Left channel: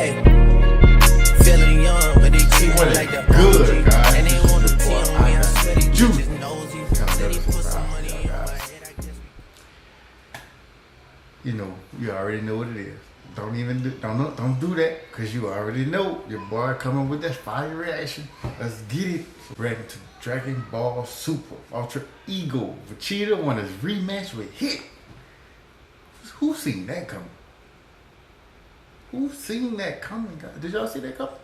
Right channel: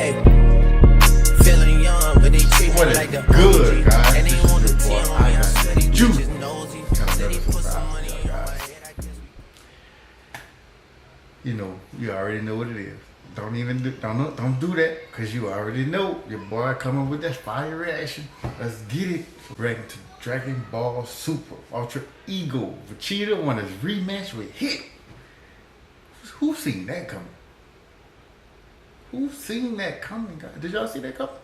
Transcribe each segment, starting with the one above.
Hey, feeling young, but they treat me like the good, OG. guys? And they This wanna is cheat your boy, on me, I swear these Juice. bitches nosy. Said he put some money on my head, I guess we... You know, you already know what it is. Don't do that, cause you already know your boy coming with that fire reaction. Let's get it. Ready to Dragon Ball Super Ultra Ego. Vegeta won his rematch with Hit. Who seen that coming? Who seen that coming, guys? Did y'all see that coming?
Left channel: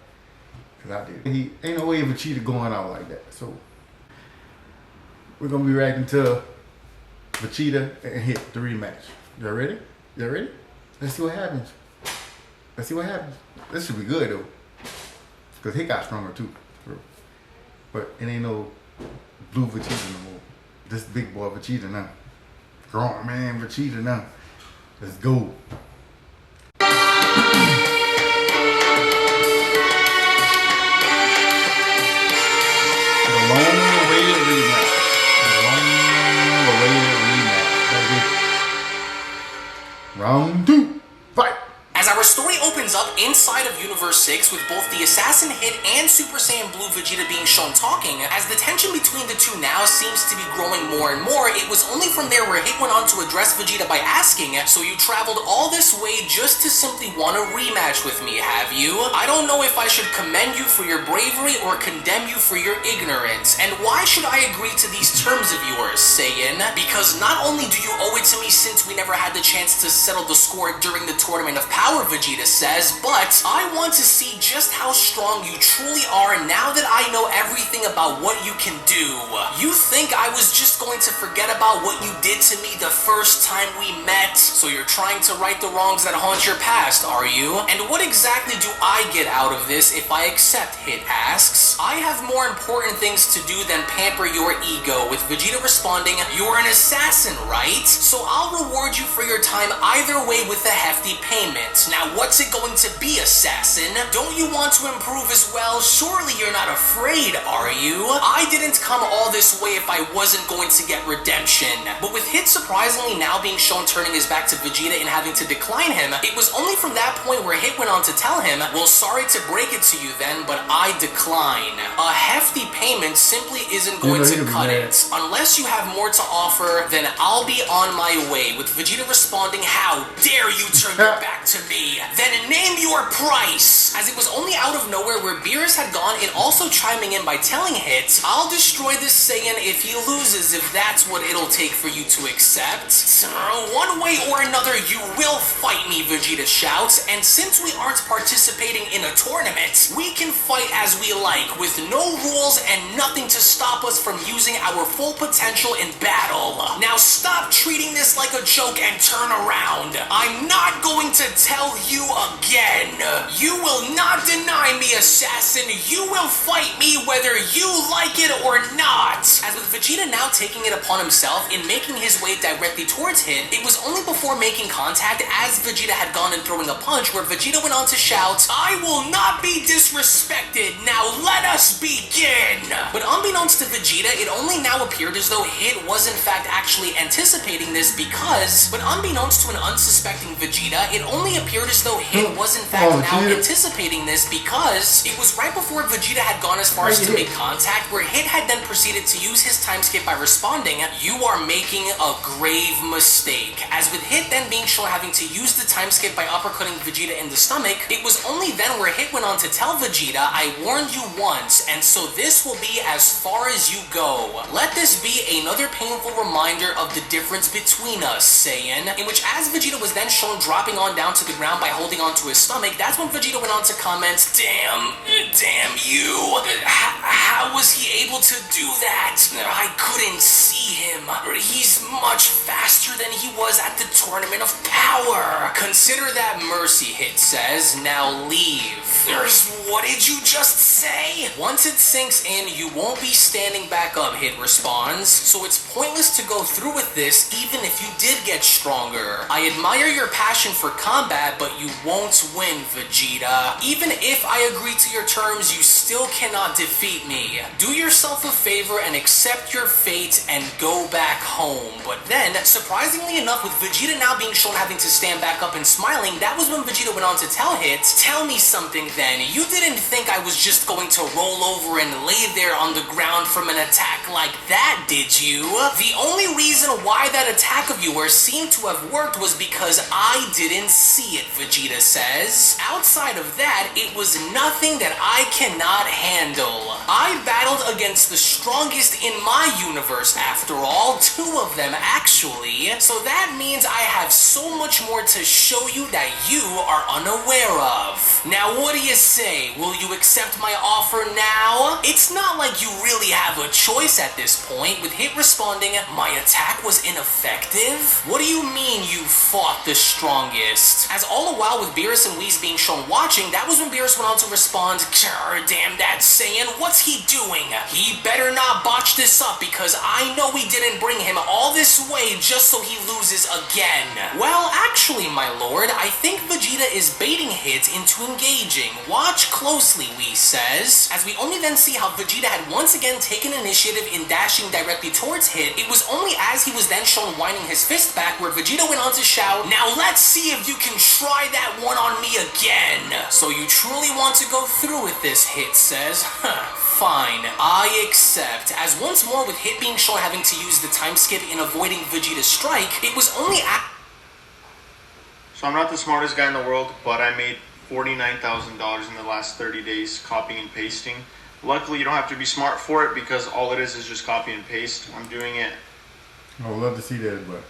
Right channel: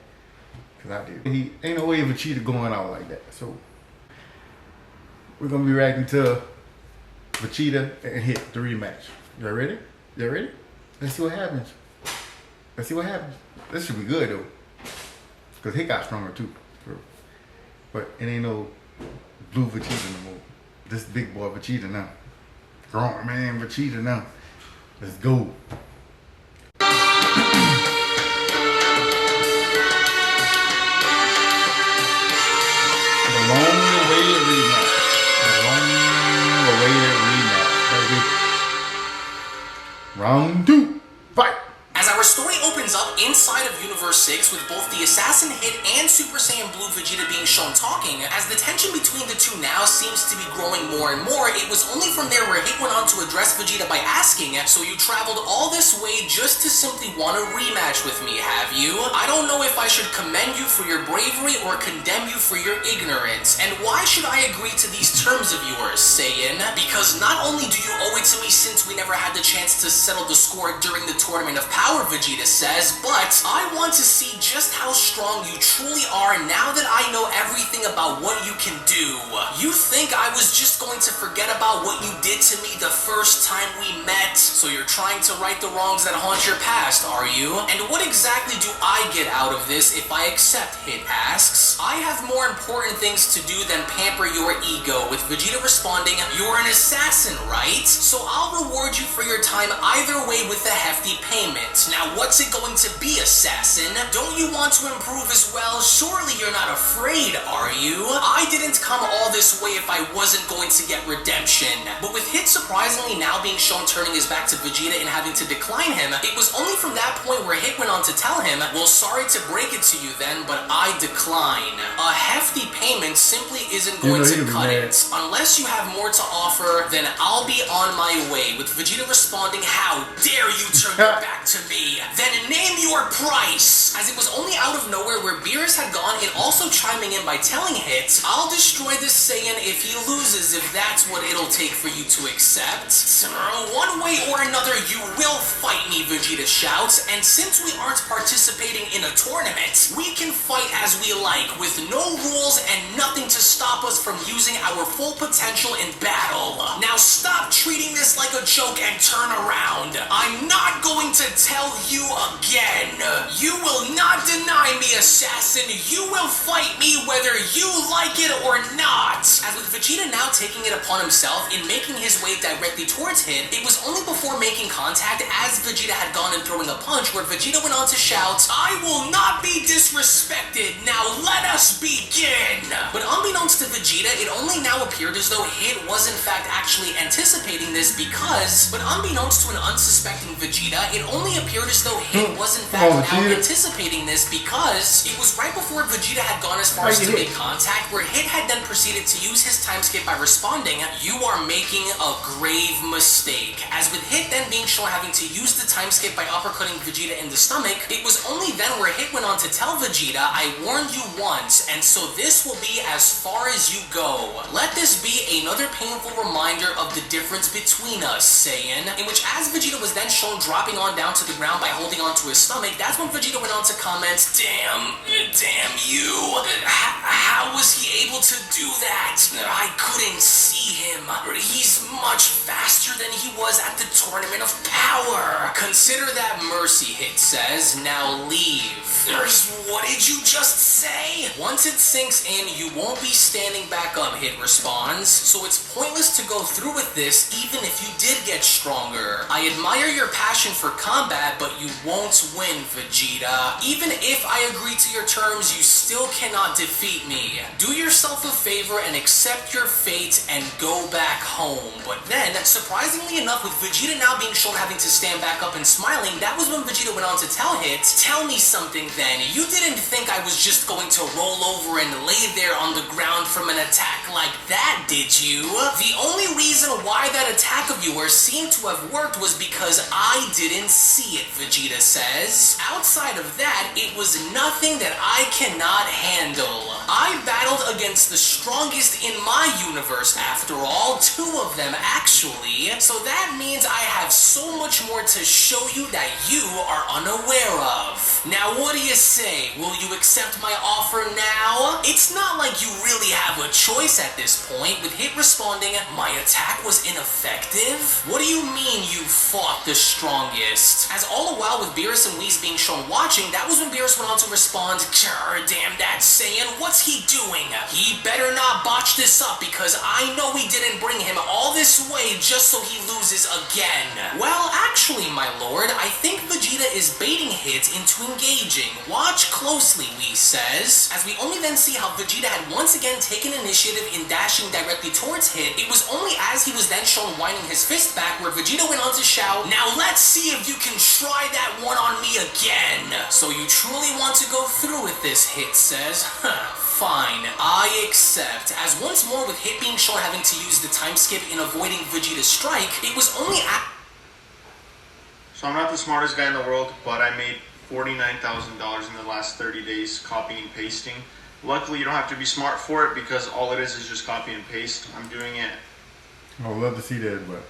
Cause I did. He ain't no way Vegeta going out like that. So we're gonna be reacting to Vegeta and Hit, the rematch. Y'all ready? Y'all ready? Let's see what happens. Let's see what happens. This should be good though. Cause Hit got stronger too. But it ain't no blue Vegeta no more. This big boy Vegeta now. Grown man Vegeta now. Let's go. The long-awaited rematch. The long-awaited rematch, baby. Round 2, fight! As our story opens up inside of Universe 6 with both the Assassin Hit and Super Saiyan Blue Vegeta being shown talking, as the tension between the two now seems to be growing more and more, it was only from there where Hit went on to address Vegeta by asking, so you traveled all this way just to simply want a rematch with me, have you? I don't know if I should commend you for your bravery or condemn you for your ignorance. And why should I agree to these terms of yours, Saiyan? Because not only do you owe it to me since we never had the chance to settle the score during the Tournament of Power, Vegeta says, but I want to see just how strong you truly are now that I know everything about what you can do. You think I was just going to forget about what you did to me the first time we met, so you're trying to right the wrongs that haunt your past, are you? And what exactly do I get out of this if I accept, Hit asks. I have more important things to do than pamper your ego, with Vegeta responding, you're an assassin, right? So I'll reward you for your time either way with a hefty payment. Now what's it going to be, Assassin? Don't you want to improve as well? Surely you're not afraid, are you? I didn't come all this way if I wasn't going to get redemption. But with Hit surprisingly now being shown turning his back to Vegeta and having to decline him, it was only from that point where Hit went on to tell him, well, sorry to break it to you then, but I decline. A hefty payment simply isn't going to cut it. Unless you have more to offer, then I'll be on my way, with Vegeta responding, how dare you turn your back to me? Then name your price! As it was only out of nowhere where Beerus had gone, Hit also chiming in by telling Hit, I'll destroy this Saiyan if he loses, if that's what it'll take for you to accept. One way or another, you will fight me, Vegeta shouts, and since we aren't participating in a tournament, we can fight as we like, with no rules and nothing to stop us from using our full potential in battle. Now stop treating this like a joke and turn around. I'm not going to tell you again. You will not deny me, Assassin. You will fight me whether you like it or not. As with Vegeta now taking it upon himself in making his way directly towards Hit, it was only before making contact as Vegeta had gone and throwing a punch where Vegeta went on to shout, I will not be disrespected. Now let us begin. But unbeknownst to Vegeta, it only now appeared as though Hit was in fact actually anticipating this because, but unbeknownst to an unsuspecting Vegeta, it only appeared as though Hit was in fact now anticipating this because it was right before Vegeta had gone as far as to make contact where Hit had then proceeded to use his time skip by responding, you are making a grave mistake. As with Hit then being shown having to use the time skip by uppercutting Vegeta in the stomach, it was only then where Hit went on to tell Vegeta, I warned you once, and so this will be as far as you go. Let this be another painful reminder of the difference between us, Saiyan. In which as Vegeta was then shown dropping on down to the ground by holding onto his stomach, that's when Vegeta went on to comment, damn you. How was he able to do that? I couldn't see him. He's much faster than he was at the Tournament of Power. Consider that mercy, Hit says. Now leave. What did you just say? Once it sinks in, you won't be standing back up, Hit responds. So it's pointless to go through with this even if you did get stronger. I admire your passion for combat, but you won't win, Vegeta. Even if I agree to your terms, you still cannot defeat me. Do yourself a favor and accept your fate and go back home. But then, surprisingly enough, with Vegeta now being shown having to stand back up and smiling, that was when Vegeta went on to tell Hit, "Tell me something then, you didn't think I was just going to roll over and lay there on the ground from an attack like that, did you? The only reason why that attack of yours seemed to have worked was because I didn't see it," Vegeta says. "Outside of that, it was nothing that I cannot handle. I battled against the strongest in my universe after all, 2 of them actually, so that means I have so much more to show you that you are unaware of. Now what do you say? Will you accept my offer now?" It's not like you really have a choice at this point, with Hit responding, "My attack was ineffective? What do you mean you fought the strongest?" As all the while with Beerus and Whis being shown watching, that was when Beerus went on to respond, "Damn that Saiyan, what's he doing? He better not botch this up because I know we didn't bring him all this way just so he loses again." "Well, actually, my lord, I think Vegeta is baiting Hit into engaging. Watch closely," Whis says. As we only then see how Vegeta had once again taken initiative in dashing directly towards Hit, it was only as he was then shown winding his fist back where Vegeta went on to shout, "Now let's see if you can try that one on me again." "So you truly want to go through with this," Hit says. Fine, I accept. As once more with Hit being shown having to use the time skip in avoiding Vegeta's strike, it was only So I'm not the smartest guy in the world, but I made $49,000 in the last 30 days copying and pasting. Luckily, you don't have to be smart for it because all it is just copy and paste. I'm doing it. I would love to see that, but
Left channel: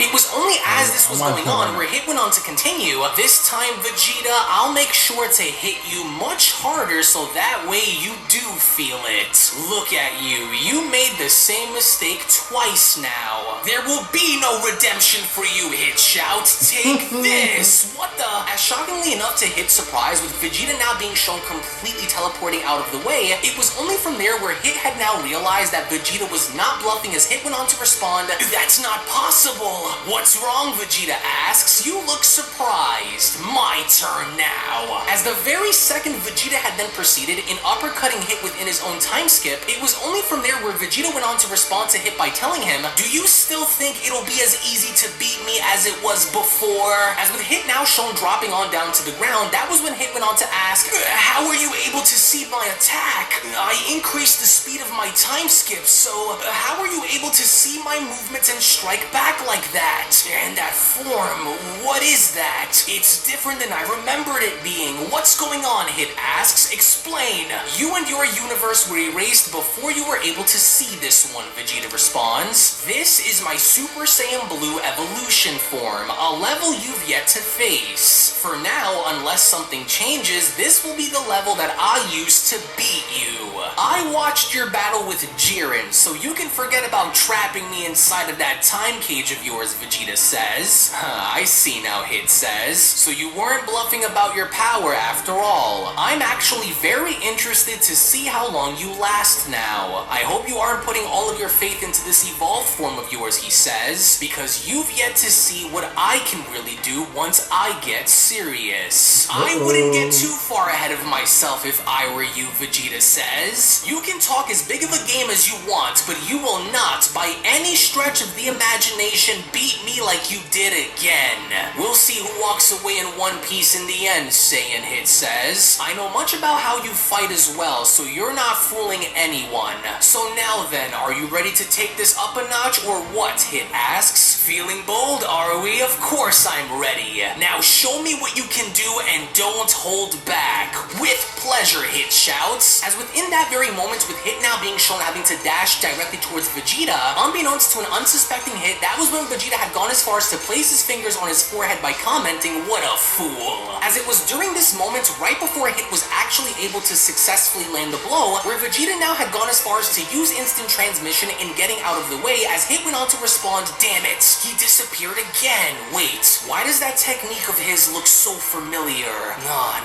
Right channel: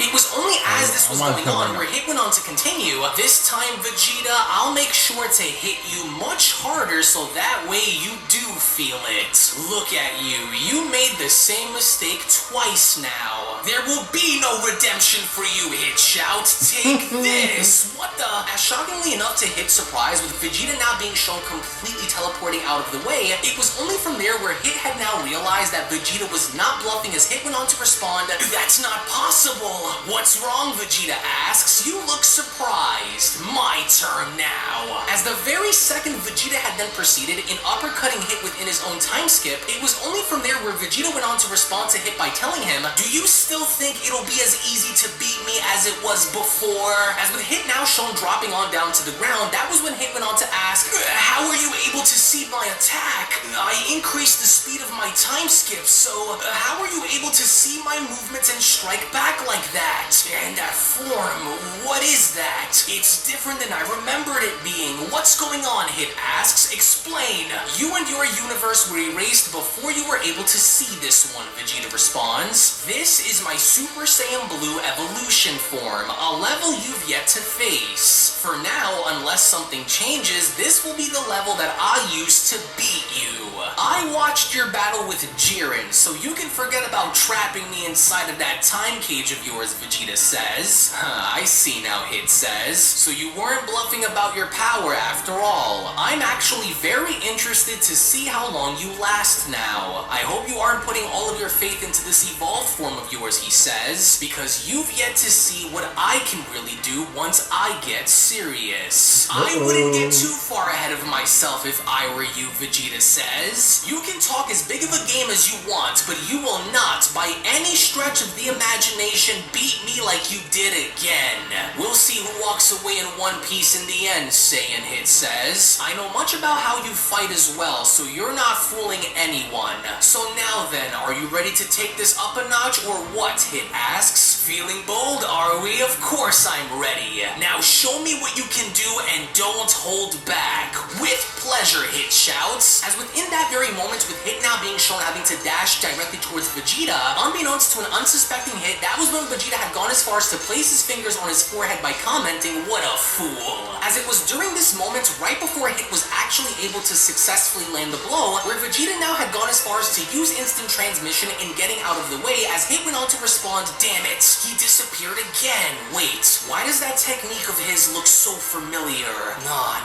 It was only as this was going on where Hit went on to continue, "This time, Vegeta, I'll make sure to hit you much harder so that way you do feel it. Look at you. You made the same mistake twice now. There will be no redemption for you," Hit shouts. "Take this." What the? As shockingly enough to Hit's surprise, with Vegeta now being shown completely teleporting out of the way, it was only from there where Hit had now realized that Vegeta was not bluffing as Hit went on to respond, "That's not possible." "What's wrong?" Vegeta asks. "You look surprised." "My turn now." As the very second Vegeta had then proceeded in uppercutting Hit within his own time skip, it was only from there where Vegeta went on to respond to Hit by telling him, "Do you still think it'll be as easy to beat me as it was before?" As with Hit now shown dropping on down to the ground, that was when Hit went on to ask, "How were you able to see my attack? I increased the speed of my time skip, so how were you able to see my movements and strike back like that? And that form, what is that? It's different than I remembered it being. What's going on?" Hit asks. "Explain." "You and your universe were erased before you were able to see this one," Vegeta responds. "This is my Super Saiyan Blue evolution form, a level you've yet to face. For now, unless something changes, this will be the level that I used to beat you. I watched your battle with Jiren, so you can forget about trapping me inside of that time cage of yours," Vegeta says. "I see now," Hit says. "So you weren't bluffing about your power after all. I'm actually very interested to see how long you last now. I hope you aren't putting all of your faith into this evolved form of yours," he says, "because you've yet to see what I can really do once I get serious." "I wouldn't get too far ahead of myself if I were you," Vegeta says. "You can talk as big of a game as you want, but you will not, by any stretch of the imagination, beat me like you did again. We'll see who walks away in one piece in the end," Saiyan Hit says. "I know much about how you fight as well, so you're not fooling anyone. So now then, are you ready to take this up a notch or what?" Hit asks. "Feeling bold, are we? Of course I'm ready. Now show me what you can do and don't hold back." "With pleasure," Hit shouts. As within that very moment, with Hit now being shown having to dash directly towards Vegeta, unbeknownst to an unsuspecting Hit, that was when Vegeta had gone as far as to place his fingers on his forehead by commenting, "What a fool." As it was during this moment, right before Hit was actually able to successfully land the blow, where Vegeta now had gone as far as to use instant transmission in getting out of the way, as Hit went on to respond, "Damn it, he disappeared again. Wait, why does that technique of his look looks so familiar.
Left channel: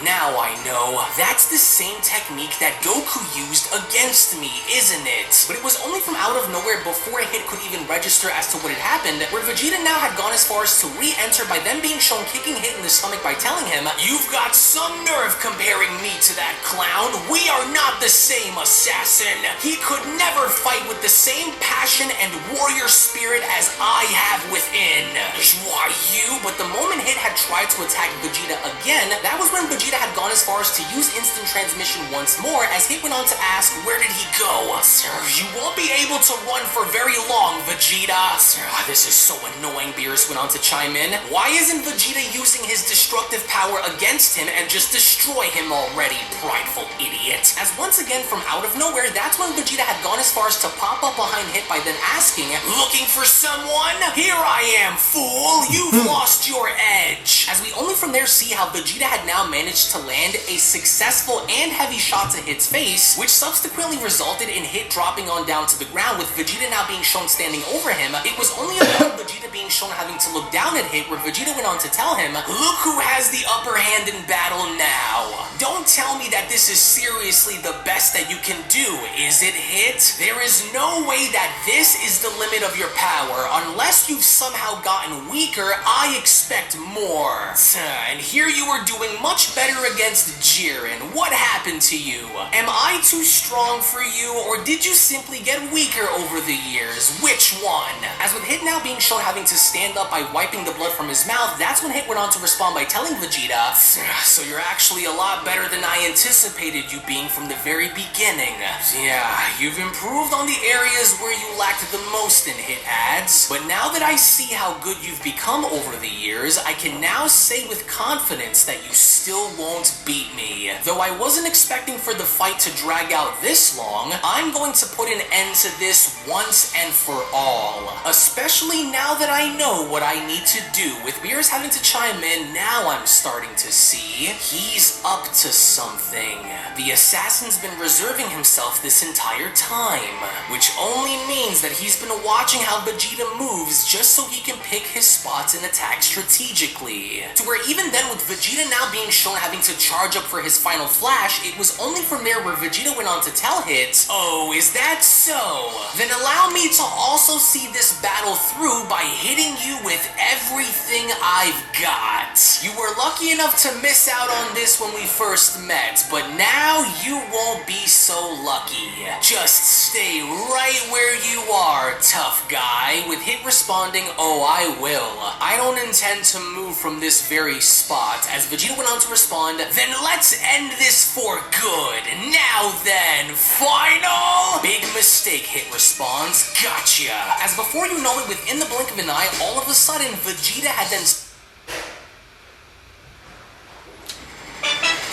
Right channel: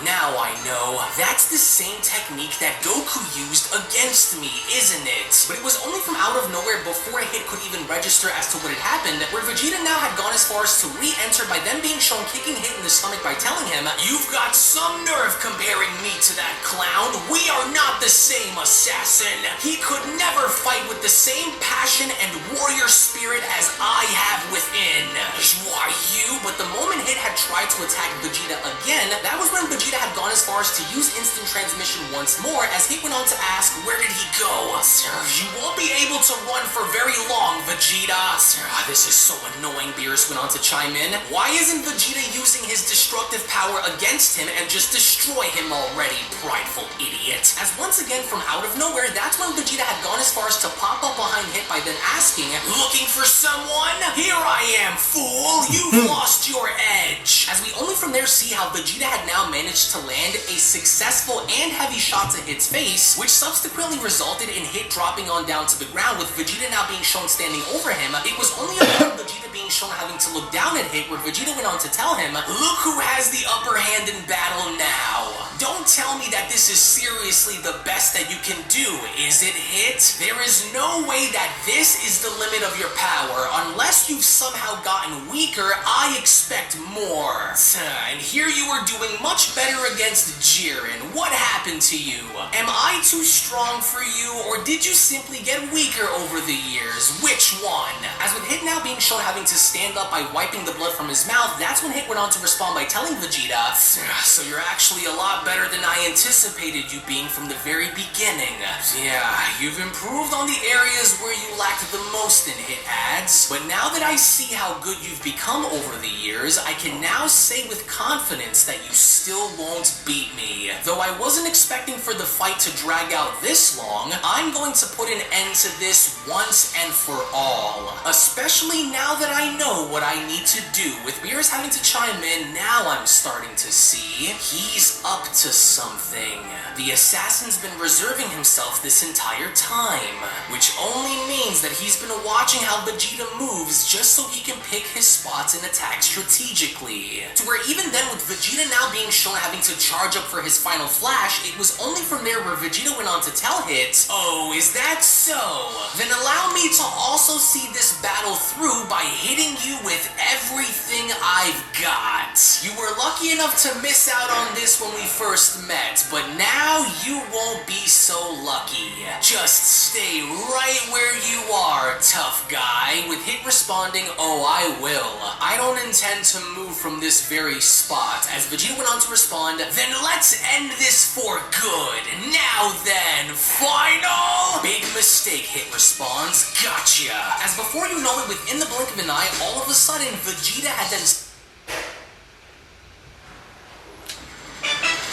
Now I know. That's the same technique that Goku used against me, isn't it? But it was only from out of nowhere before a hit could even register as to what had happened, where Vegeta now had gone as far as to re-enter by then being shown kicking Hit in the stomach by telling him, "You've got some nerve comparing me to that clown. We are not the same, assassin. He could never fight with the same passion and warrior spirit as I have within." Why you? But the moment Hit had tried to attack Vegeta again, that was when Vegeta had gone as far as to use instant transmission once more, as Hit went on to ask, "Where did he go?" "Sir, you won't be able to run for very long, Vegeta." "Sir, this is so annoying," Beerus went on to chime in. "Why isn't Vegeta using his destructive power against him and just destroy him already, prideful idiot?" As once again from out of nowhere, that's when Vegeta had gone as far as to pop up behind Hit by then asking, "Looking for someone? Here I am, fool! You've lost your edge!" As we only from there see how Vegeta had now managed to land a successful and heavy shot to Hit's face, which subsequently resulted in Hit dropping on down to the ground, with Vegeta now being shown standing over him. It was only upon Vegeta being shown having to look down at Hit where Vegeta went on to tell him, "Look who has the upper hand in battle now. Don't tell me that this is seriously the best that you can do, is it, Hit? There is no way that this is the limit of your power. Unless you've somehow gotten weaker, I expect more. And here you are doing much better against Jiren. What happened to you? Am I too strong for you, or did you simply get weaker over the years? Which one?" As with Hit now being shown having to stand up by wiping the blood from his mouth, that's when Hit went on to respond by telling Vegeta, "So you're actually a lot better than I anticipated you being from the very beginning. Yeah, you've improved on the areas where you lacked the most," in Hit adds. "But now that I see how good you've become over the years, I can now say with confidence that you still won't beat me. Though I wasn't expecting for the fight to drag out this long, I'm going to put an end to this once and for all. Especially now that I know what I need to do." With Beerus having to chime in, now I'm starting to see he's up to something. The assassin's been reserving himself this entire time, which only means that he's been watching how Vegeta moves just so he can pick his spots and attack strategically. To where even then, with Vegeta now being shown having to charge up for his final flash, it was only from there where Vegeta went on to tell Hit, "Oh, is that so? Then allow me to also see this battle through by hitting you with everything I've got. You were lucky enough to miss out on this when we first met, but now you won't be so lucky. Just stay right where you are, tough guy." With Hit responding, "Oh, I will. I don't intend to move from this very spot." As Vegeta went on to respond, "Then let's end this for good. Now then, final?" "Big mistake," Hit responds. "Gotcha." As before you know it, within the blink of an eye, all of a sudden, Vegeta had then...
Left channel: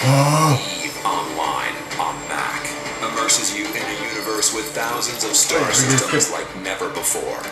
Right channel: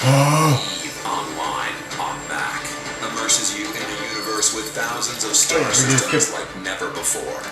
EVE Online, I'm back. Immerses you in a universe with thousands of star systems like never before.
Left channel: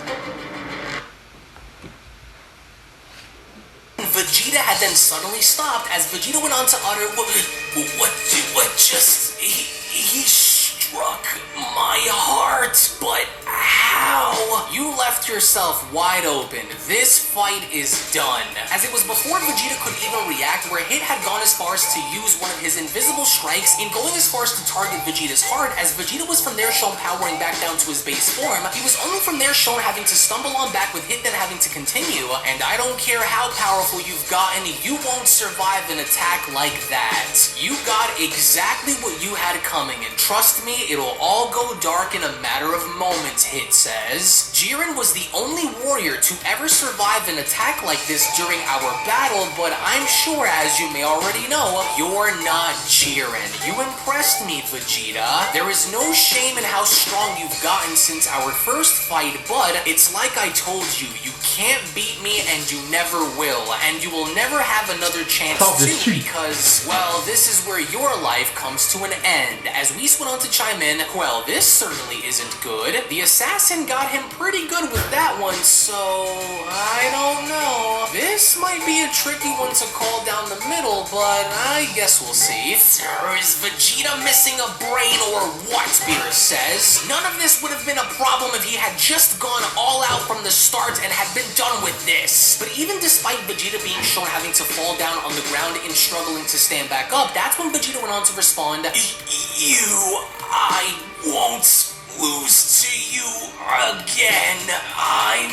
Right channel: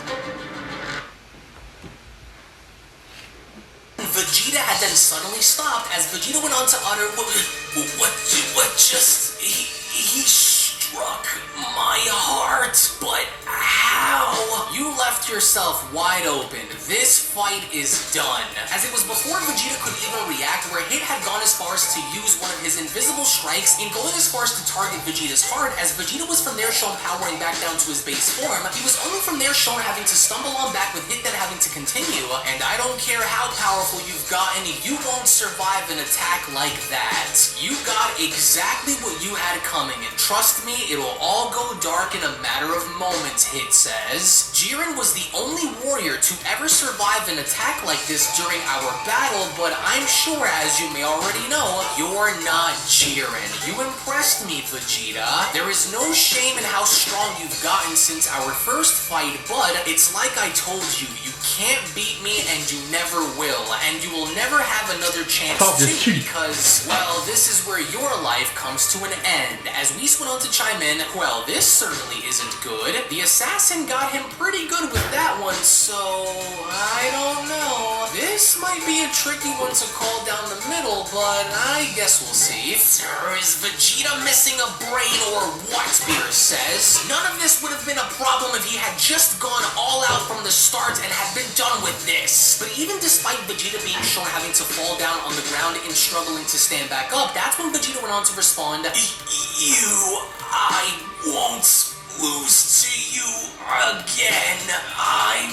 Vegeta had then suddenly stopped as Vegeta went on to utter, what just, he struck my heart, but how? You left yourself wide open. This fight is done. As it was before Vegeta could even react, where Hit had gone as far as to use one of his invisible strikes in going as far as to target Vegeta's heart, as Vegeta was from there shown powering back down to his base form. He was only from there shown having to stumble on back, with Hit then having to continue, and I don't care how powerful you've gotten, you won't survive an attack like that. You got exactly what you had coming, and trust me, it'll all go dark in a matter of moments, Hit says. Jiren was the only warrior to ever survive an attack like this during our battle, but I'm sure, as you may already know, you're not Jiren. You impressed me, Vegeta. There is no shame in how strong you've gotten since our first fight, but it's like I told you, you can't beat me and you never will, and you will never have another chance to, because, well, this is where your life comes to an end. As Whis went on to chime in, well, this certainly isn't good. The assassin got him pretty pretty good with that one, so I don't know. This might be a tricky one to call down the middle, but I guess we'll see. Or is Vegeta missing a brain or what, Beerus says? None of this would have been a problem if he had just gone all out from the start and had been done with this. But even despite Vegeta being shown having to fall down on the ground and struggling to stand back up, that's when Vegeta went on to respond, I won't lose to you again. I'm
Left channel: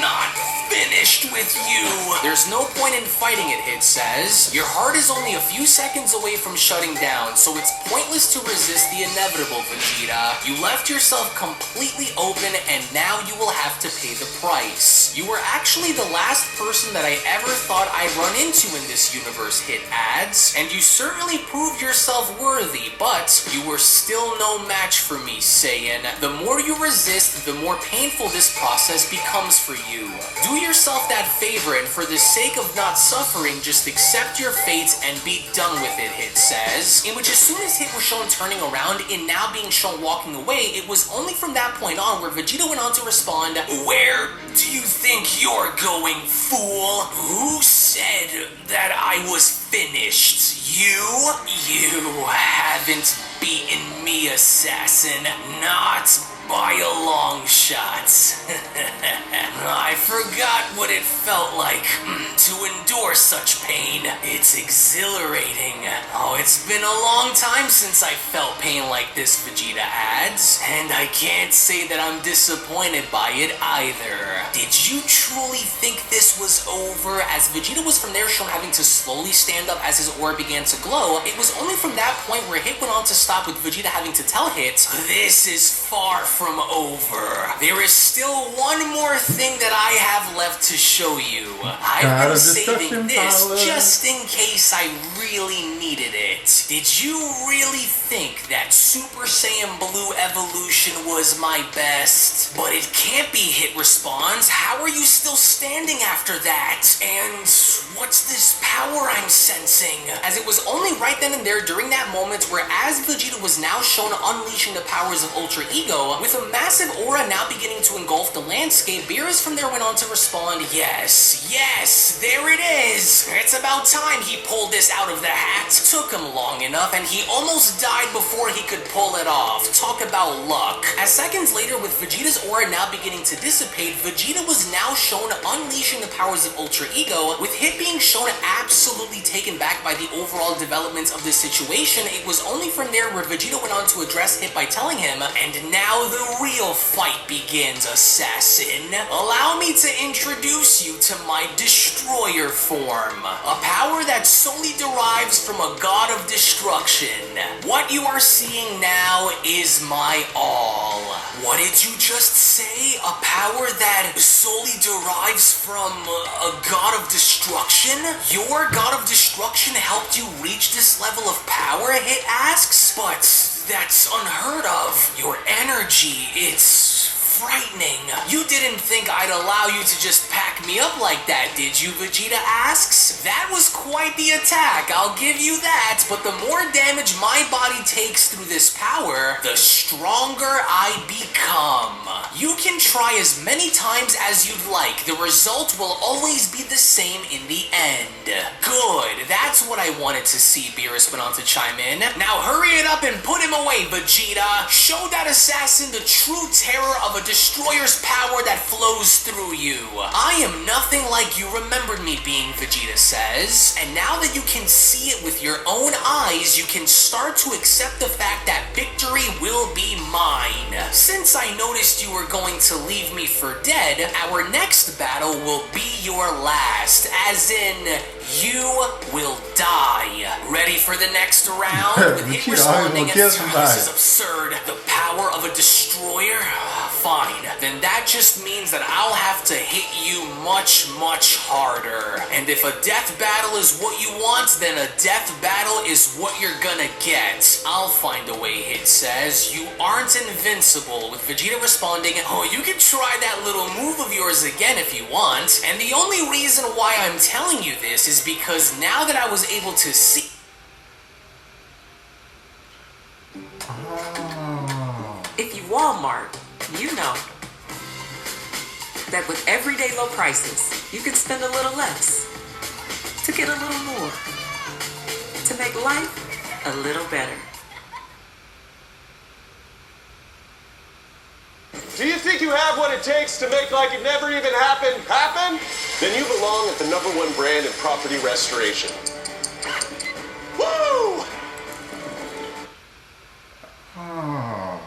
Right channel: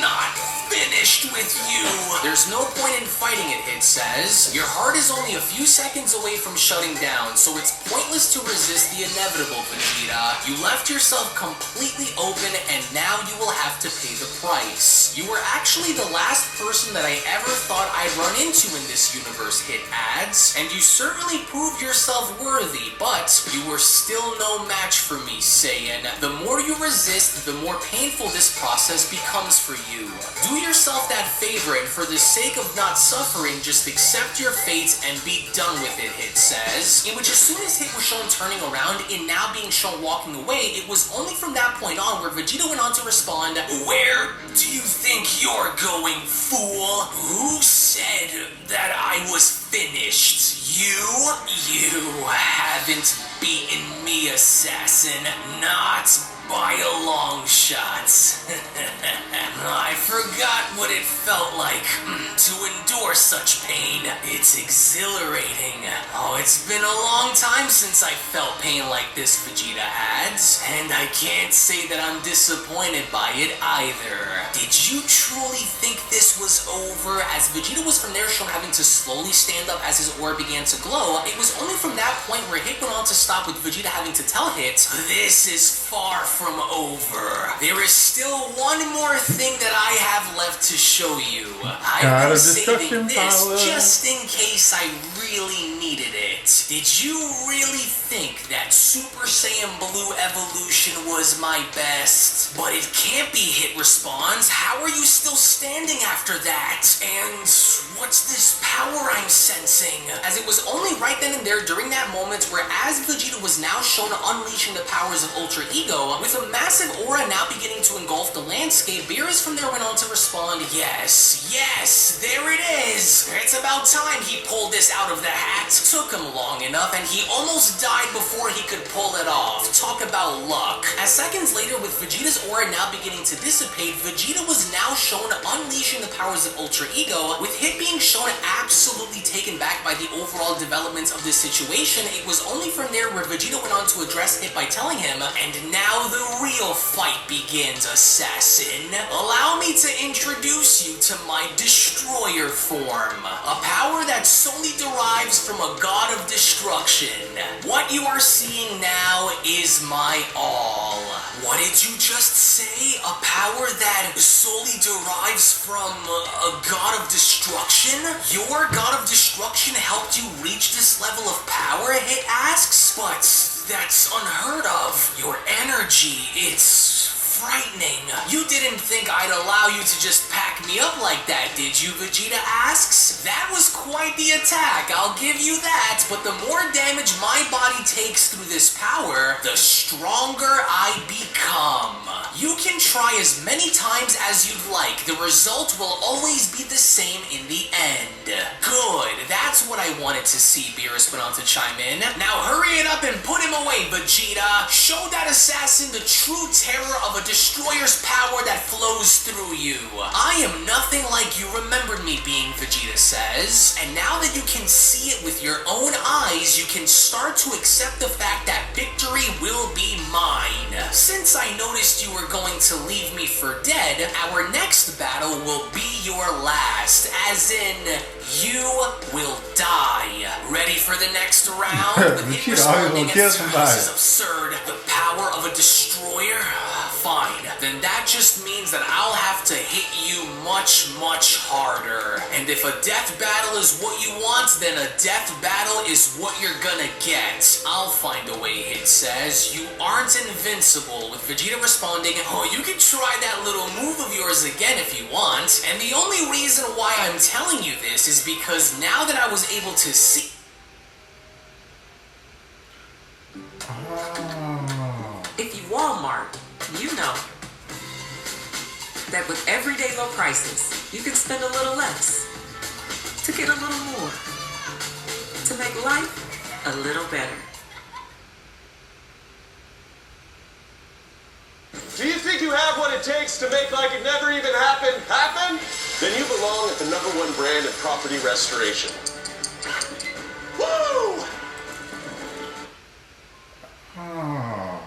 not finished with you. There's no point in fighting it, it says. Your heart is only a few seconds away from shutting down, so it's pointless to resist the inevitable, Vegeta. You left yourself completely open, and now you will have to pay the price. You were actually the last person that I ever thought I'd run into in this universe, Hit adds, and you certainly proved yourself worthy, but you were still no match for me, Saiyan. The more you resist, the more painful this process becomes for you. Do yourself that favor, and for the sake of not suffering, just accept your fate and be done with it, Hit says. In which as soon as Hit was shown turning around and now being shown walking away, it was only from that point on where Vegeta went on to respond, where do you think you're going, fool? Who said that I was finished? You? You haven't beaten me, assassin. Not by a long shot. I forgot what it felt like to endure such pain. It's exhilarating. Oh, it's been a long time since I felt pain like this, Vegeta adds, and I can't say that I'm disappointed by it either. Did you truly think this was over? As Vegeta was from there shown having to slowly stand up as his aura began to glow, it was only from that point where Hit went on to stop with Vegeta having to tell Hit, this is far from over. There is still one more thing that I have left to show you. God of Destruction power. Just in case I really needed it. Did you really think that Super Saiyan Blue evolution was my best? But it can't be, Hit responds. How are you still standing after that? And what's this power I'm sensing? As it was only right then and there during that moment where as Vegeta was now shown unleashing the powers of Ultra Ego, with a massive aura now beginning to engulf the landscape, Beerus from there went on to respond, yes, there it is. It's about time he pulled this out of the hat. Took him long enough and he almost died before he could pull it off. Talk about luck. As seconds later, with Vegeta's aura now beginning to dissipate, Vegeta was now shown unleashing the powers of Ultra Ego, with Hit being shown absolutely taken back by the overall developments of this situation. It was only from there where Vegeta went on to address Hit by telling him, and now the real fight begins, assassin. Allow me to introduce you to my Destroyer form, a power that solely derives from a god of destruction. What you are seeing now is my all. What did you just say? A power that solely derives from a god of destruction? Your god of destruction helped you reach this level of power, Hit asks? But that's unheard of. Your energy, it's frightening. You didn't think I'd allow you to just pack me up like that, did you, Vegeta asks? That was quite the attack, I'll give you that, but the more damage my body takes through this power, the stronger I become. You can try as many times as you'd like, the result will always be the same in the end. Good, that's what I wanted to see, Beerus went on to chime in. Now hurry it up and put him away, Vegeta. Show that assassin the true terror of a destroyer's power that flows through you. I am nothing like you remembered me being, Vegeta says, and now that you can see it with your own eyes, you can start to accept the fact that victory will be mine. Since I noticed you were going to leave me for dead, our next battle will be your last, as in, you will die. Ready for the next round? Vegeta always gonna kill somebody. This is absurd. The power of a destroyer? Fine. Then that just means that I'll have to hit you much, much harder. And if a death battle is what you want, then a death battle is what you're gonna get. I'll find a way, Hit says. You aren't invincible, with Vegeta responding, oh, you can try that little move of yours again if you want. And the only reason why I'm telling you this is because now that I was able to see... Oh. If you Walmart, you know. that with everyday low prices, you can spend a little less to get a little more, to make life a little better. Do you think you have what it takes to make like it never even happened happen? Then you belong at the #1 brand in property restoration. Woo! Oh,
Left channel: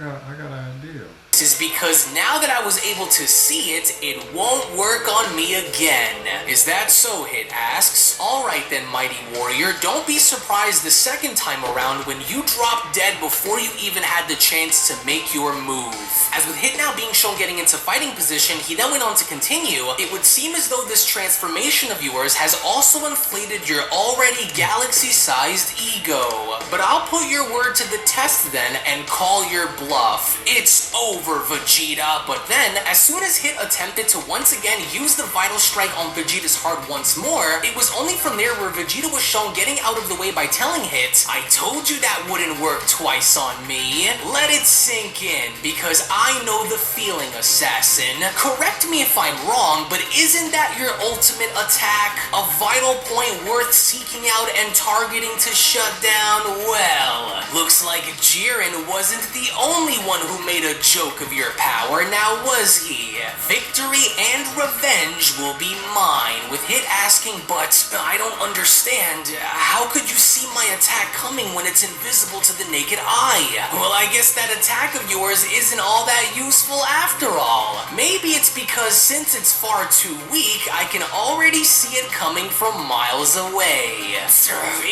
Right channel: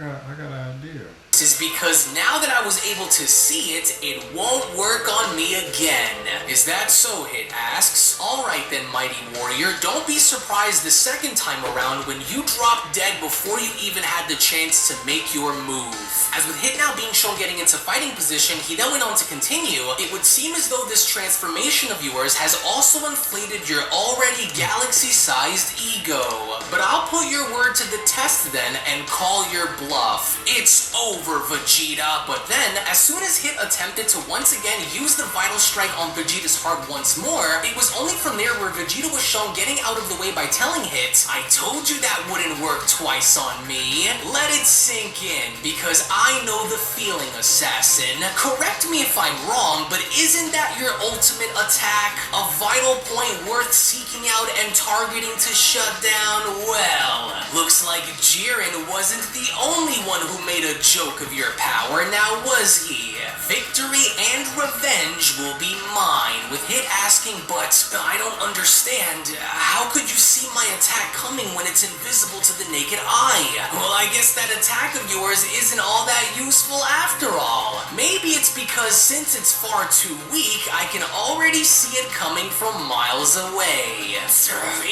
I got an idea. This is because now that I was able to see it, it won't work on me again. Is that so? Hit asks. Alright then, mighty warrior, don't be surprised the second time around when you drop dead before you even had the chance to make your move. As with Hit now being shown getting into fighting position, he then went on to continue. It would seem as though this transformation of yours has also inflated your already galaxy-sized ego. But I'll put your word to the test then and call your bluff. It's over, Vegeta. But then, as soon as Hit attempted to once again use the Vital Strike on Vegeta's heart once more, it was only from there where Vegeta was shown getting out of the way by telling Hit, I told you that wouldn't work twice on me. Let it sink in, because I know the feeling, assassin. Correct me if I'm wrong, but isn't that your ultimate attack? A vital point worth seeking out and targeting to shut down? Well, looks like Jiren wasn't the only one who made a joke of your power, now was he? Victory and revenge will be mine, with Hit asking, but I don't understand. How could you see my attack coming when it's invisible to the naked eye? Well, I guess that attack of yours isn't all that useful after all. Maybe it's because since it's far too weak, I can already see it coming from miles away.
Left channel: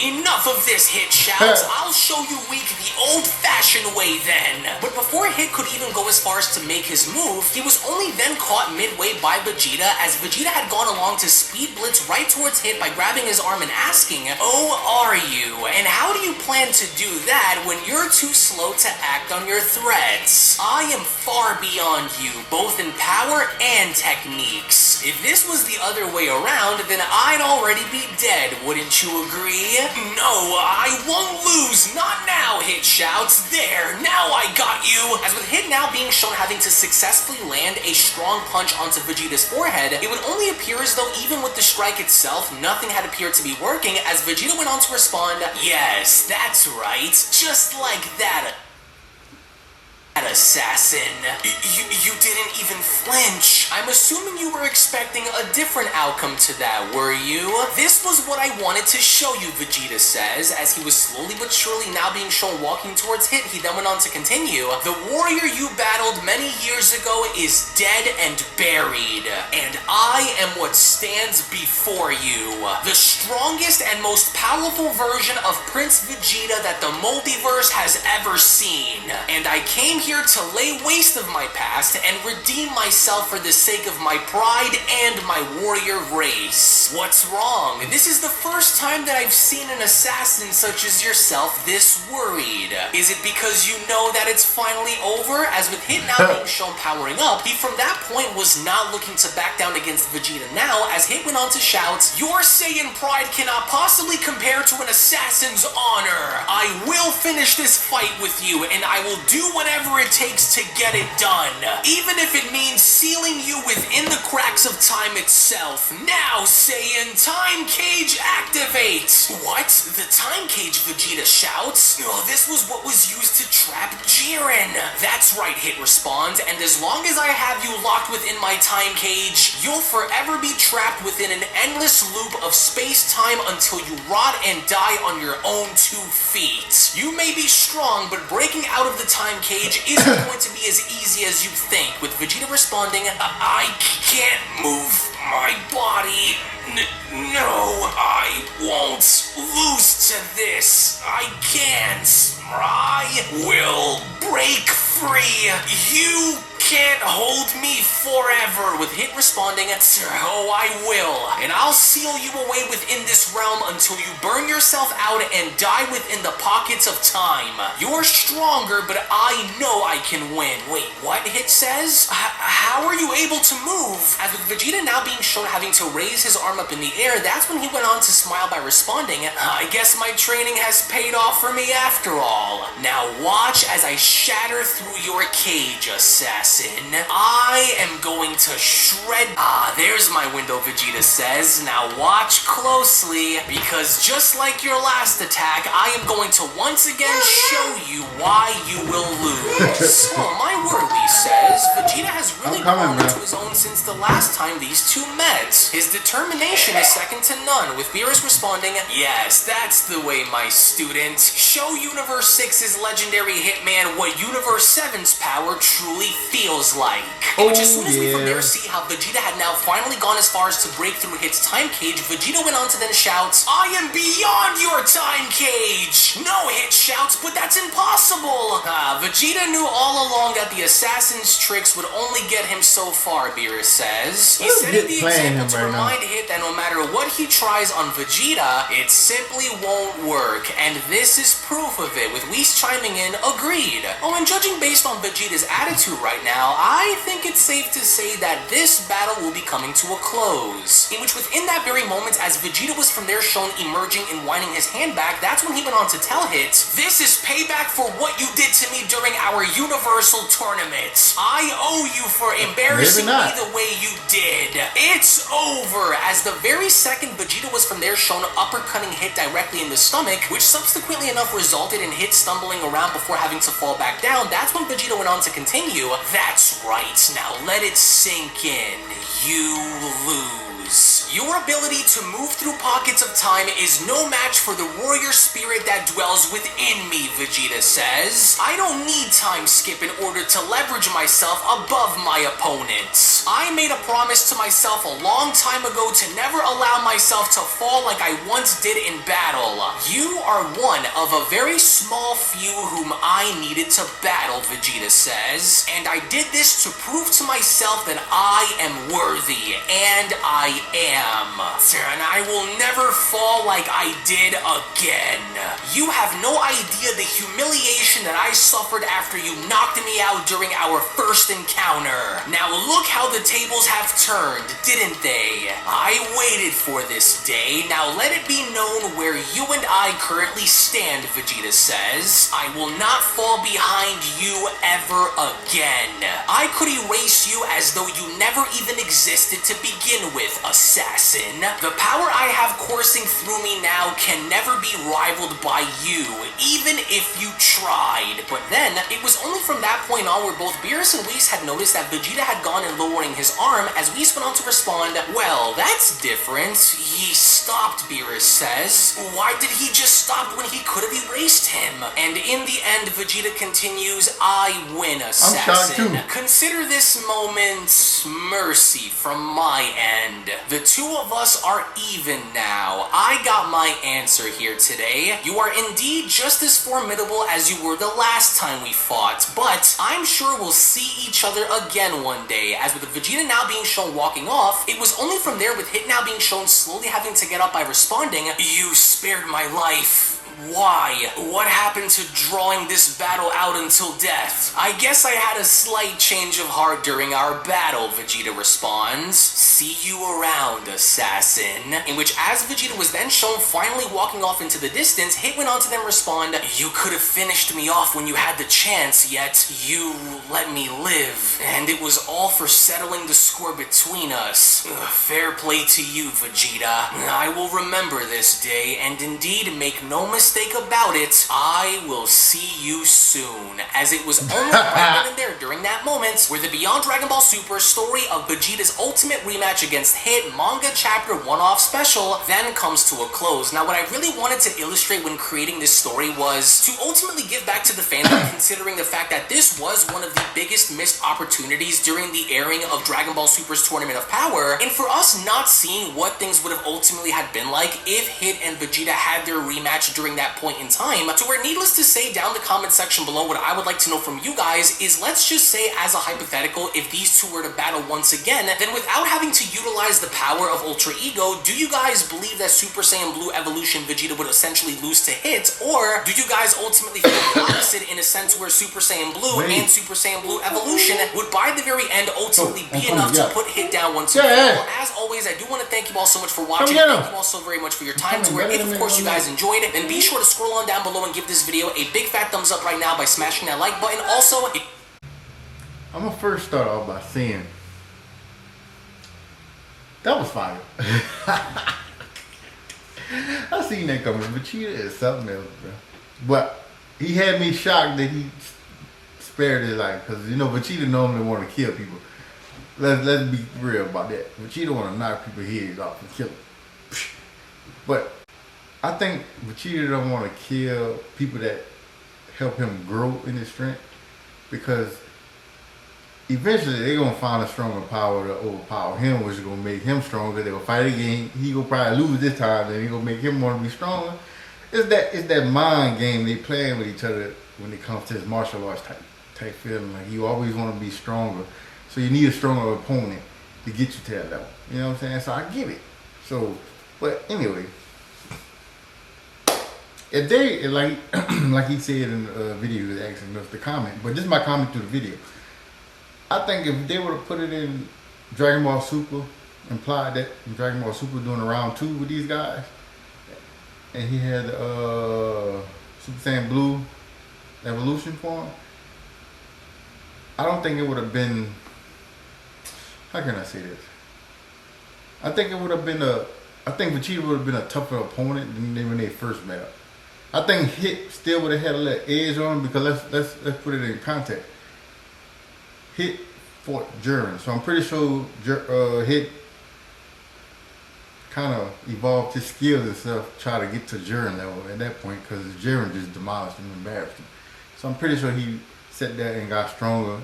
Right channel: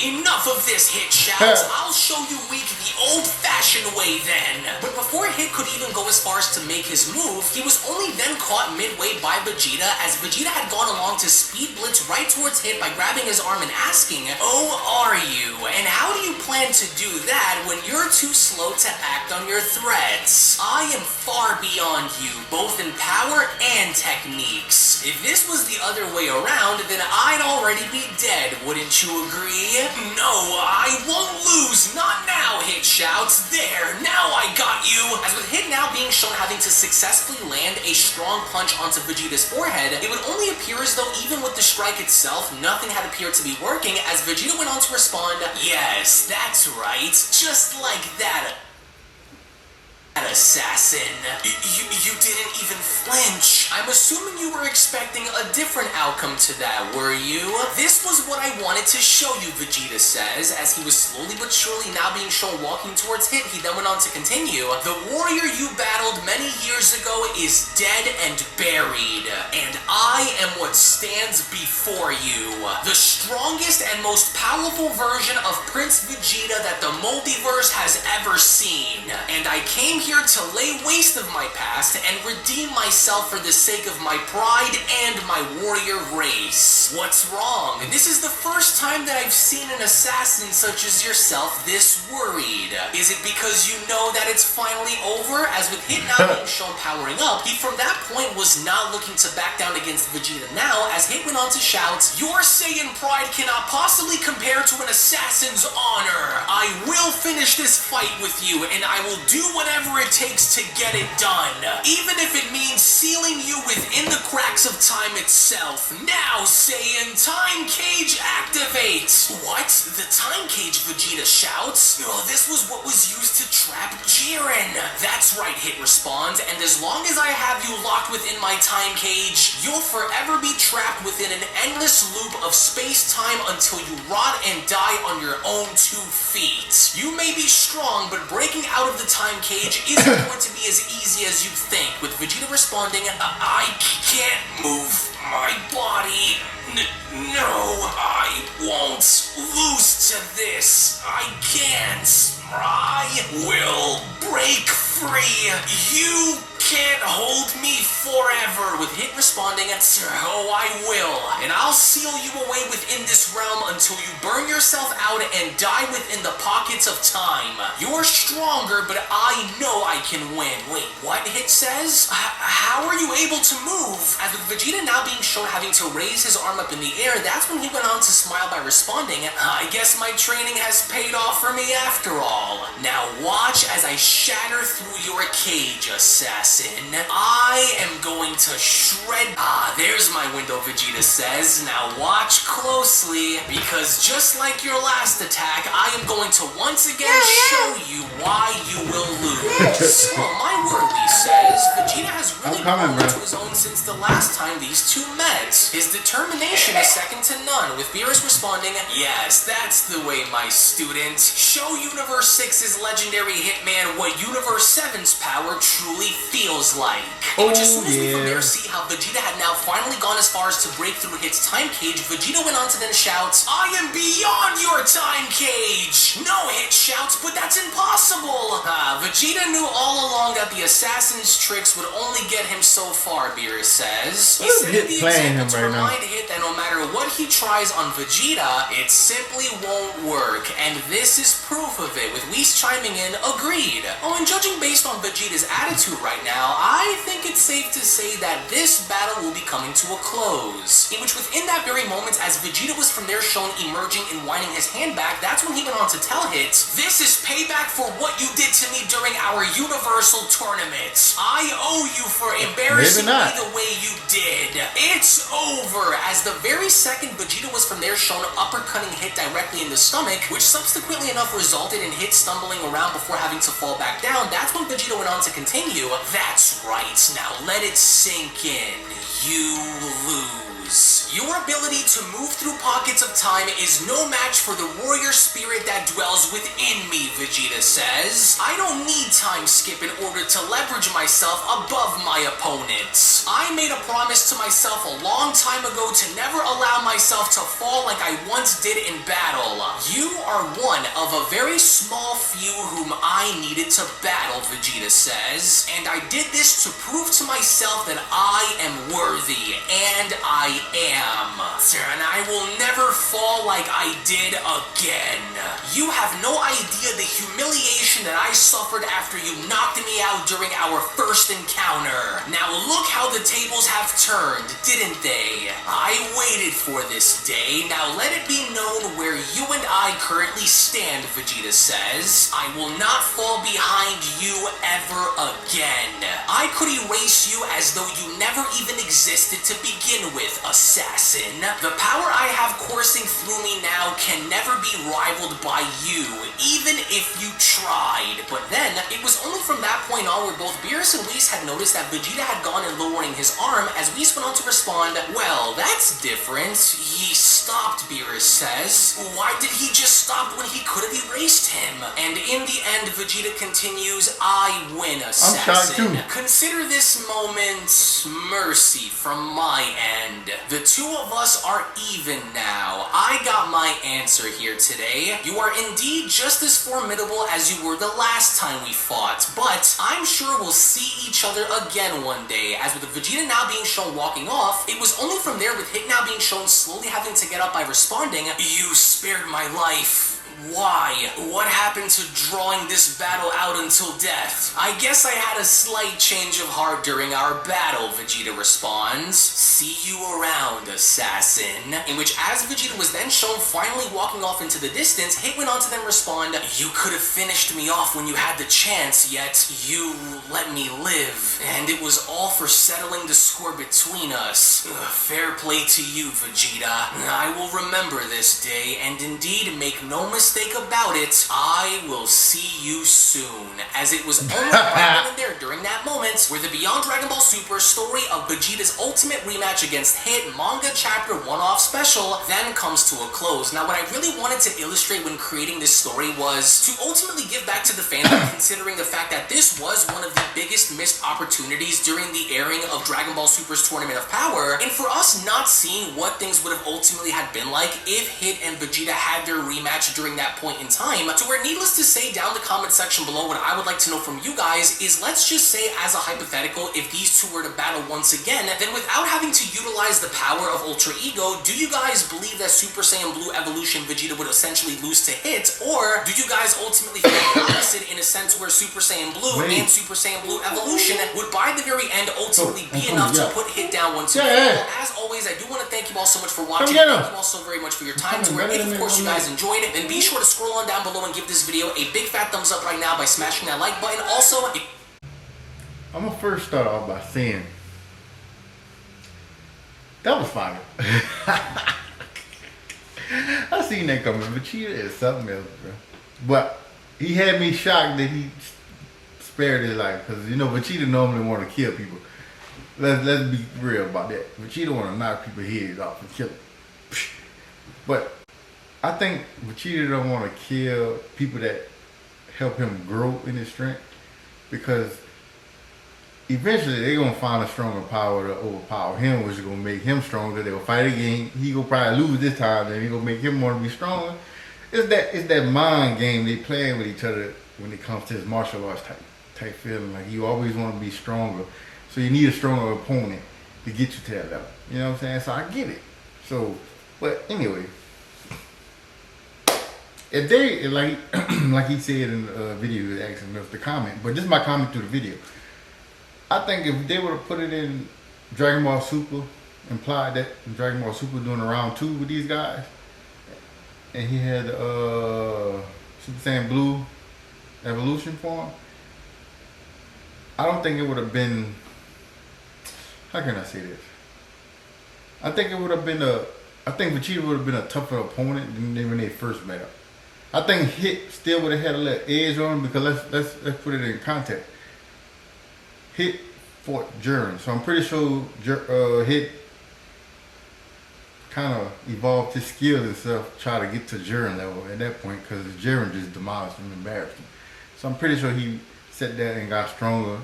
Enough of this, Hit shouts. I'll show you weak the old-fashioned way then. But before Hit could even go as far as to make his move, he was only then caught midway by Vegeta, as Vegeta had gone along to speed blitz right towards Hit by grabbing his arm and asking, oh, are you? And how do you plan to do that when you're too slow to act on your threats? I am far beyond you, both in power and techniques. If this was the other way around, then I'd already be dead, wouldn't you agree? No, I won't lose, not now, Hit shouts. There, now I got you. As with Hit now being shown having to successfully land a strong punch onto Vegeta's forehead, it would only appear as though even with the strike itself, nothing had appeared to be working, as Vegeta went on to respond, yes, that's right, just like that. Assassin. You didn't even flinch. I'm assuming you were expecting a different outcome to that, were you? This was what I wanted to show you, Vegeta says, as he was slowly but surely now being shown walking towards Hit. He then went on to continue. The warrior you battled many years ago is dead and buried, and I am what stands before you. The strongest and most powerful version of Prince Vegeta that the multiverse has ever seen. And I came here to lay waste of my past and redeem myself for the sake of my pride and my warrior race. What's wrong? This is the first time that I've seen an assassin such as yourself this worried. Is it because you know that it's finally over? As with Hit now being shown powering up, he from that point was not looking to back down against Vegeta now, as Hit went on to shout, your Saiyan pride cannot possibly compare to an assassin's honor. I will finish this fight with you, and I will do whatever it takes to get it done, even if it means sealing you within the cracks of time itself. Now, Saiyan, time cage activate! What? The time cage, Vegeta shouts? Oh, this was what was used to trap Jiren. That's right, Hit responds, and as long as I have you locked within my time cage, you'll forever be trapped within an endless loop of space-time until you rot and die on your own 2 feet. You may be strong, but breaking out of the time cage isn't going to be as easy as you think, with Vegeta responding, I can't move my body. No, I won't lose to this. I can't. I will break free. You can't hold me forever, with Hit responding, oh, I will, and I'll seal you away within this realm until you burn yourself out and die within the pockets of time. You're stronger, but I know I can win. Wait, what? Hit says? How are you able to move? As with Vegeta now being shown having to raise his arm up in the air, that's when he went on to smile by responding, I guess my training has paid off for me after all. Now watch as I shatter through your cage, assassin. assassin. I am going to shred... Ah, there's my window, Vegeta says. Now watch closely, because just like your last attack, I am going to once again show you why you will lose. Oh, my word, Lee says. Vegeta has really grown into his own since the last time these two met. His determination is second to none, with Beerus responding, yes, that's the way, my student. Show Universe 6's legendary hitman what Universe 7's power truly feels like. Which is from there to see how Vegeta had now finally gone as far as to break through Hit's time cage. Vegeta went on to then shout, I am beyond your time cage! No, Hit shouts, but that's impossible! Vegeta knew all along that the assassin's tricks would only get him so far, Beerus says. He said Hit playing him right now. Hit that no matter what he tries on Vegeta, it simply won't work, and this is proof of it, with Whis chiming in, agreed. Oh, and judging based on Vegeta's attitude right now, I think it's safe to say that this battle will be coming to a close. In which within that very moment, as Vegeta was from there shown emerging and winding his hand back, that's when he went on to tell Hit, this is payback for what you did to me during our Universal Tournament. I owe you for embarrassing me the way you did. It's over, as the very second Vegeta was from there shown uppercutting Hit directly in the stomach, which subsequently enough resulted in Hit stumbling around before having to fall back down. That's when Vegeta went on to continue, that's right, now let it sink in. You lose. Your ability to move through pockets of time is no match for the warrior spirit that dwells within me, Vegeta says. I don't need time skip in order to leverage myself above my opponents. I made a promise to myself a long time ago to never allow myself to fall like I once did in battle. You are one of a very small few whom I needed to battle, Vegeta says. And I did this to prove to myself that I am worthy, and I am. And I will never fall like I did again. You have no idea the humiliation that I suffered after you knocked me out during our first encounter. Now look how the tables have turned, didn't they? I waited for this day. Now let it be known where you and I currently stand, Vegeta says. I will not fall behind you ever again. I could erase you as though you never even existed to begin with, assassin. The power I have coursing through me now can never be rivaled by you, even if you tried. But then, it was only from that point on where both Beerus and Whis had noticed that Vegeta had gone and lowering his arm, as Whis went on to respond, well, that's different. He stopped, Beerus says. Why did he just stop when he could have erased him? And in the end, Vegeta continues, I win, assassin. I'm shocked too. Consider this moment mercy from my end. The two of us are even now. I got my answer here today. You are indeed just as formidable as you were the last time we fought, but I'm sure we'll see each other again one day. As with Vegeta now being shown walking off, it was only from there with Hit now being shown slowly having to get up by responding, you spared my life. Why? What happened to drawing this battle out until death? I guess I had a slight change of heart during our battle, Vegeta responds. See you around, assassin. In which, as Vegeta was then shown finally walking off into the distance, Hit went on to then respond, you could have finished me off when you had the chance, yet you let me live. And it was all for settling the score between us. Fair play to you, Vegeta. I will remember this day, and indeed make no mistake about it, I will see you soon. As it was almost right in there during that moment where the Beyond Dragon Ball Super story of Vegeta's ultimate rematch against Hit manga chapter one-off special then comes to a close. Now what I really wanted to illustrate when creating this story was to ultimately give back to the fandom, considering the fact that this was one of the biggest missed opportunities during the airing of Dragon Ball Super's Tournament of Power, and for us not seeing what things would have ultimately had been like if Hit and Vegeta had their rematch during that point in time. So we're needless to say down the comment section below, what I would like to know from you guys is, let's just say as a hypothetical, if these two were to battle once again, then without having to utilize the power of Ultra Ego, do you guys believe that Super Saiyan Blue Evolution Vegeta would essentially lose to Hit, or do you guys ultimately feel the opposite in a sense where Super Saiyan Blue and Super Saiyan Blue Evolution would by the very end ultimately be enough to put Hit down once again? Well, as always, I do want to thank you all so much for watching. Thank you all so very much for your time. So if of course you guys enjoyed it, then be sure to scroll on down below and give this video a big fat thumbs up right now by smashing that like button. Also, I'm gonna first start off by saying that was fire. I seen that coming. Vegeta is something else, bro. But he had me shocked that he spared his life, because you know Vegeta normally want to kill people. Let's be real about that. Vegeta want to knock people's heads off and kill them. But I think Vegeta don't want to kill people that help him grow in his strength, because eventually they're gonna find a stronger power to overpower him, which is gonna make him stronger. They'll fight again. He gonna probably lose this time, then he gonna make him want to be stronger. It's that mind game they playing with each other when it comes to his martial arts type feeling. Like you always want to be stronger, so you need a stronger opponent to get you to that level. You know what I'm saying? So I get it. So, but anyway, if they like like he said in the video, he was asking us to comment, but just my comment to the video. I think if they would have put it in Dragon Ball Super, implied that in Dragon Ball Super doing a round 2 with these guys, and he had Super Saiyan Blue evolution form, I don't think it would have been, how can I say this? I think it would have been I think Vegeta would have been a tougher opponent than when they first met up. I think Hit still would have had a little edge on him, because let's put it in context. Hit fought Jiren, so I'm pretty sure Hit kind of evolved his skills and stuff, try to get to Jiren level at that point, because Jiren just demolished him and embarrassed him. So I'm pretty sure he sat there and got stronger,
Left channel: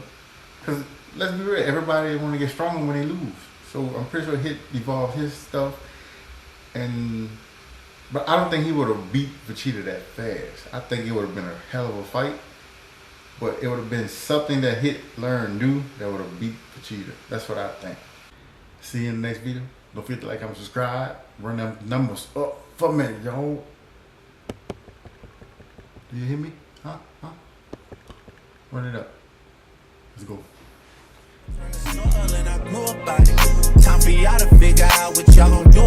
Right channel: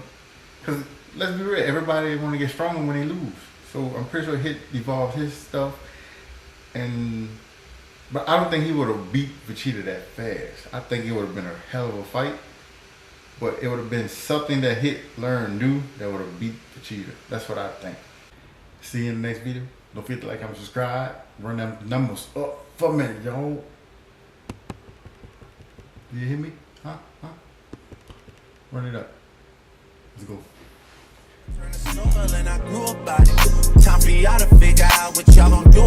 because let's be real, everybody want to get stronger when they lose. So I'm pretty sure Hit evolved his stuff, but I don't think he would have beat Vegeta that fast. I think it would have been a hell of a fight, but it would have been something that Hit learned new that would have beat Vegeta. That's what I think. See you in the next video. Don't forget to like, comment, subscribe. Run them numbers up for a minute, y'all. Do you hear me? Huh? Run it up. Let's go. Turn the soil and I grew up by it. Time for y'all to figure out what y'all gonna do